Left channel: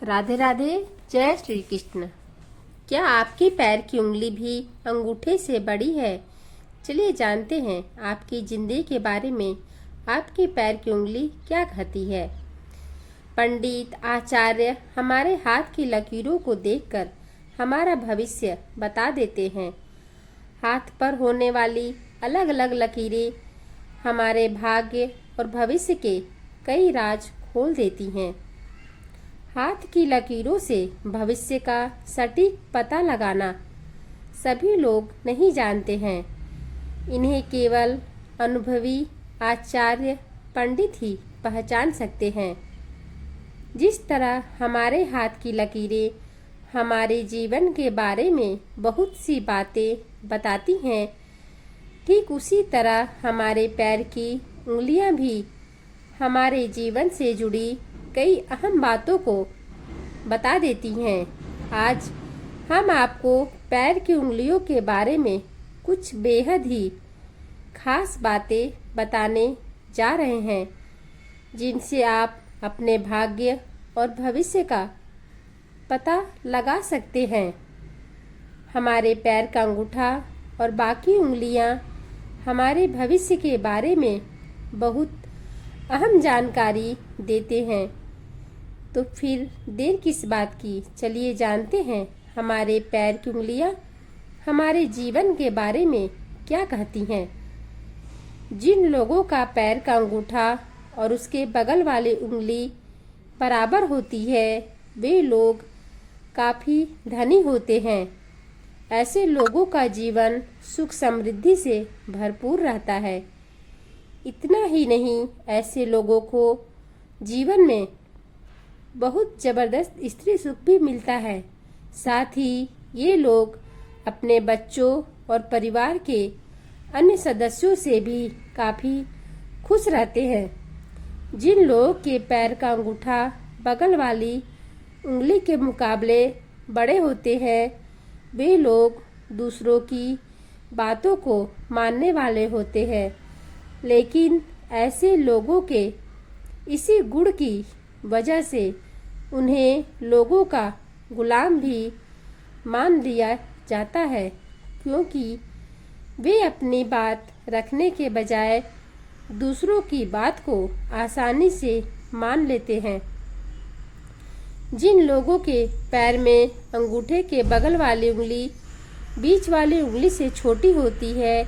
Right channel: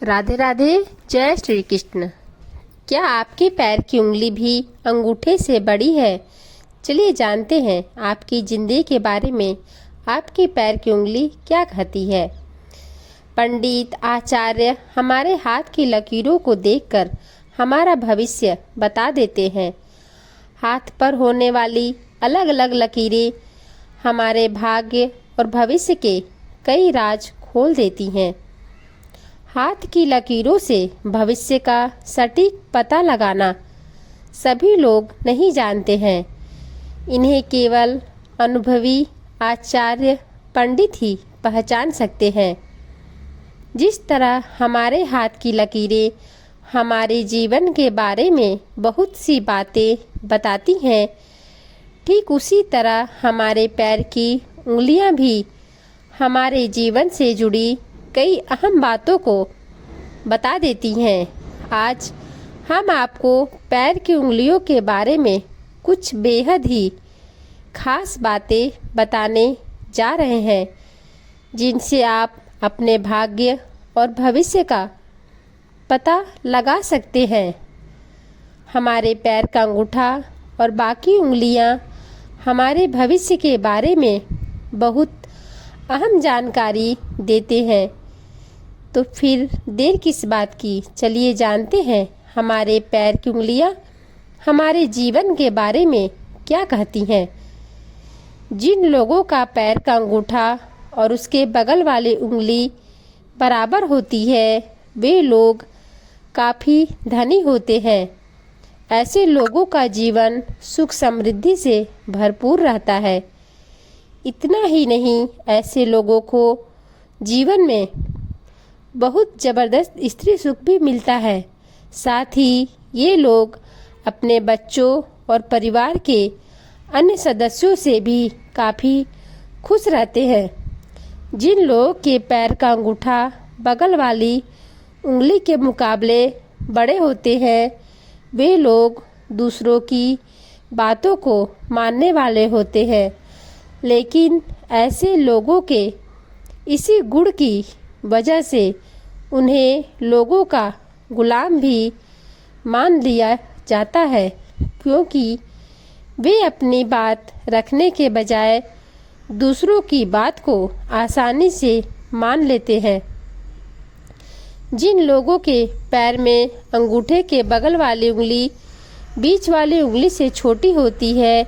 राधे राधे। जय श्री कृष्ण। क्या आपके पैर की उंगली भी अंगूठे से बड़ी है? चलिए जानते हैं आपकी जिंदगी के बारे में। आपके पैर की उंगली क्या कहती है? पंडित आचार्य हमारे हाथ की लकीरों को देखकर हमारा भविष्य बता देते हैं। हाथ पर होने वाली अलग अलग लकीरें हमारे भाग्य और भविष्य के कई राज खोल देती हैं। हाथ की लकीरों से भविष्य का सटीक पता लगाना सभी लोग नहीं जानते हैं। इन्हें केवल अनुभवी आचार्य पंडित ही पहचान सकते हैं। जिस तरह हमारे हाथ की लकीरें हमारे जीवन के बारे में बहुत सी बातें बताती हैं, ठीक उसी तरह हमारे पैर की उंगलियां भी हमारे जीवन से जुड़ी कई अहम बातों को बता देती हैं। आज हम आपको पैर की उंगलियों के बारे में कुछ बेहद ही खास बातें बताने जा रहे हैं, जिनसे आप अपने भाग्य और भविष्य का पता लगा सकते हैं। हमारे पैर का अंगूठा और बाकी उंगलियां हमारे भविष्य के बारे में बहुत अहम जानकारी देते हैं। तो फिर देर किस बात की, चलिए जानते हैं हमारे पैर की उंगलियां हमारे जीवन के बारे में क्या कहती हैं। जिन लोगों का पैर का अंगूठा और उसके बगल वाली उंगली बराबर होती है, वे लोग काफ़ी धनी होते हैं। ऐसे लोगों का जीवन सुख समृद्धि से भरपूर रहता है। इतना ही नहीं, ऐसे लोगों को जीवन में बहुत ज़बरदस्त स्त्री सुख भी मिलता है। साथ ही ये लोग अपने बच्चों और परिवार के अन्य सदस्यों से भी काफ़ी खुश रहते हैं। जिन लोगों के पैर का अंगूठा बगल वाली उंगली के मुकाबले बड़े होते हैं, वे लोग दूसरों की बातों को मानने वाले होते हैं। लेकिन ऐसे लोगों के इसी गुण की वजह से उन्हें लोगों का गुलाम भी मान लिया जाता है, क्योंकि वे अपनी बात रखने के बजाय दूसरों की बात को आसानी से मान लेते हैं। जिन लोगों के पैर में अंगूठे के बगल वाली उंगली बीच वाली उंगली से छोटी होती है,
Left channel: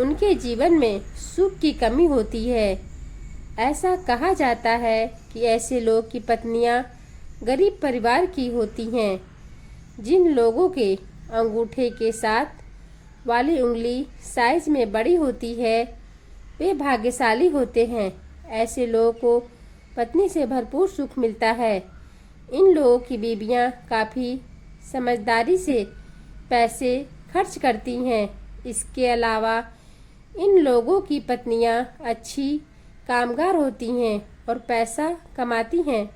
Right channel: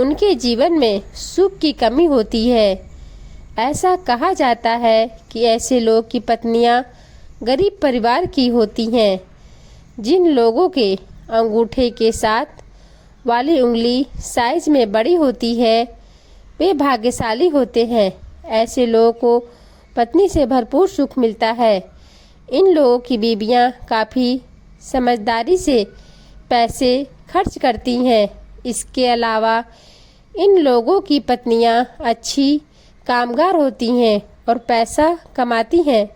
उनके जीवन में सुख की कमी होती है। ऐसा कहा जाता है कि ऐसे लोग की पत्नियां गरीब परिवार की होती हैं। जिन लोगों के अंगूठे के साथ वाली उंगली साइज में बड़ी होती है, वे भाग्यशाली होते हैं। ऐसे लोगों को पत्नी से भरपूर सुख मिलता है। इन लोगों की बीवियां काफ़ी समझदारी से पैसे खर्च करती हैं। इसके अलावा इन लोगों की पत्नियां अच्छी कामगार होती हैं और पैसा कमाती हैं।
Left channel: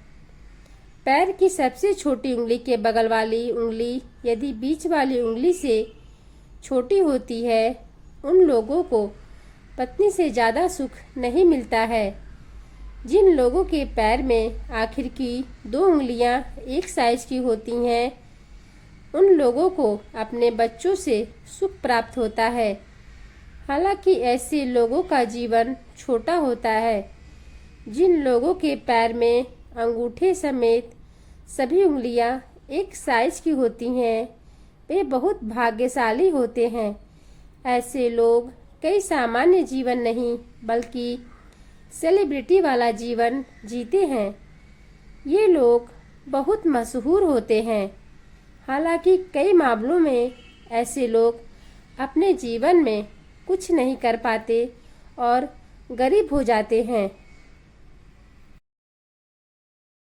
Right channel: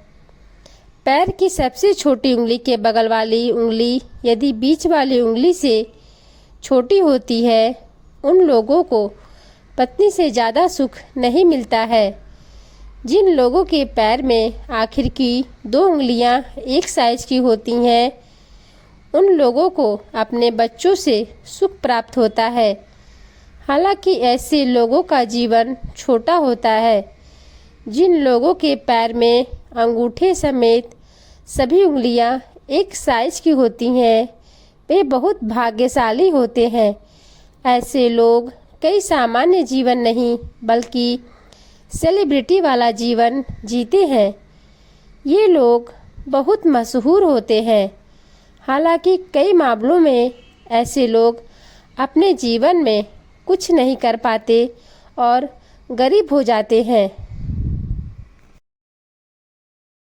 पैर की सबसे छोटी उंगली के बगल वाली उंगली यदि बीच वाली उंगली से छोटी होती है, उन लोगों को पत्नी से ज़्यादा सुख नहीं मिलता है। जिन लोगों के पैर में आखिर की दो उंगलियां एक साइज की होती हैं, उन लोगों को अपने बच्चों से सुख प्राप्त होता है। हालांकि ऐसे लोगों का जीवन छोटा होता है। जिन लोगों के पैर में अंगूठे समेत सभी उंगलियां एक साइज की होती हैं, वे बहुत भाग्यशाली होते हैं। ऐसे लोग कई सामान्य जीवन नहीं बल्कि सेलिब्रिटी वाला जीवन जीते हैं। ये लोग बहुत मशहूर होते हैं। हालांकि कई मामलों में ऐसे लोग अपने जीवन में कुछ नहीं कर पाते और गरीब हो जाते हैं।